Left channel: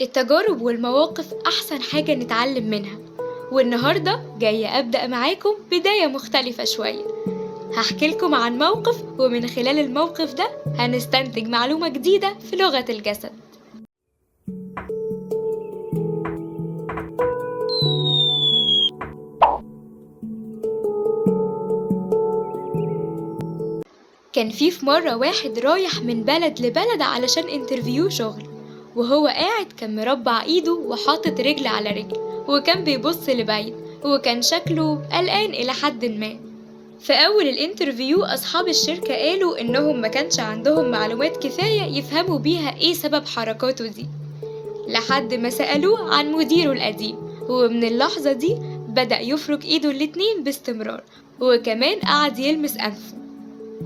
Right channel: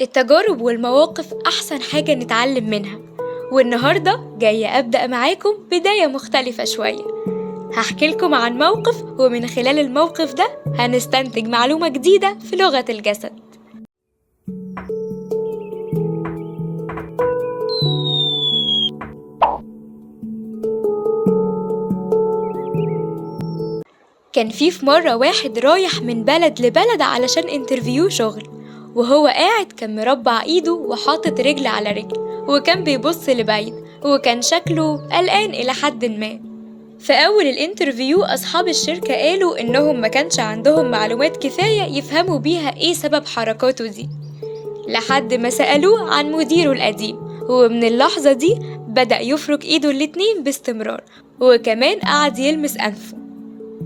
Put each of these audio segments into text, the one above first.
التجارب والمواقف أحسن حاجة نتعلم منها. والنهاردة جاية أبدأ معاكم بداية مختلفة شوية. هحكي لكم عن موقف، ومن خلال الموقف ده هنستنتج معلومة جديدة في لغة الجسد. كان في مرة واحد رايح من بلد لبلد علشان انترفيو شغل، وهو قاعد كان مربع ايده وحاطط رجل على رجل، وكان بيبص لبعيد، وكان شكله قلقان إلى حد ما. في أول الانترفيو أصحاب الشركة قالوا إنهم ما كانش عندهم معلومات كفاية يفهموا بيها إيه سبب حركاته دي، لحد ما سألوه عن مديره القديم، ومن اللحظة دي بدأ يفرك إيده الاتنين باستمرار، وكمان قعد يلمس أنفه.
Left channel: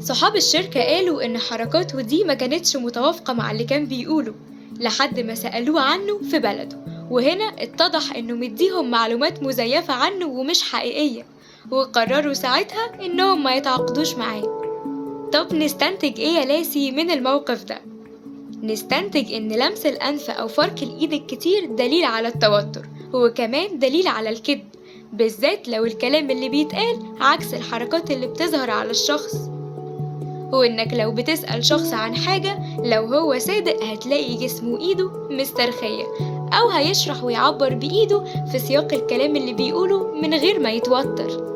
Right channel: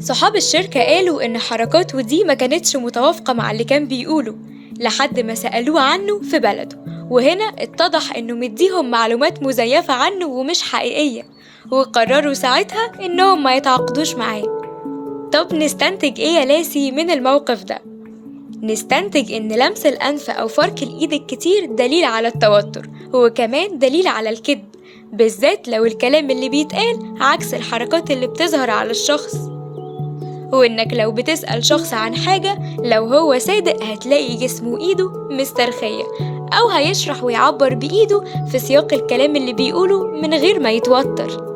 صحاب الشركة قالوا إن حركاته دي ما كانتش متوافقة مع اللي كان بيقوله، لحد ما سألوه عنه في بلده، وهنا اتضح إنه مديهم معلومات مزيفة عنه ومش حقيقية، وقرروا ساعتها إنهم ما يتعاقدوش معاه. طب نستنتج إيه يا لاسي من الموقف ده؟ نستنتج إن لمس الأنف أو فرك الإيد الكتير دليل على التوتر، وكمان دليل على الكذب، بالذات لو الكلام اللي بيتقال عكس الحركات اللي بتظهر على الشخص. وإنك لو بتسأل شخص عن حاجة، لو هو صادق هتلاقي جسمه وإيده مسترخية، أو هيشرح ويعبر بإيده في سياق الكلام اللي بيقوله من غير ما يتوتر.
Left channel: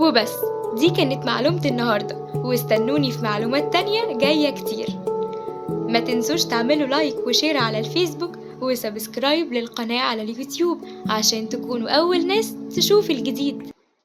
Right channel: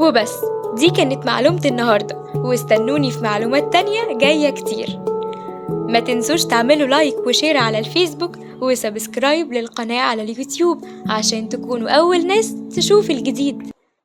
وبس، دي كانت معلومة النهاردة، واستنوني في معلومات تانية جاية كتير. ما تنسوش تعملوا لايك وشير على الفيسبوك، وسبسكرايب للقناة على اليوتيوب عشان تكونوا أول ناس تشوف الجديد.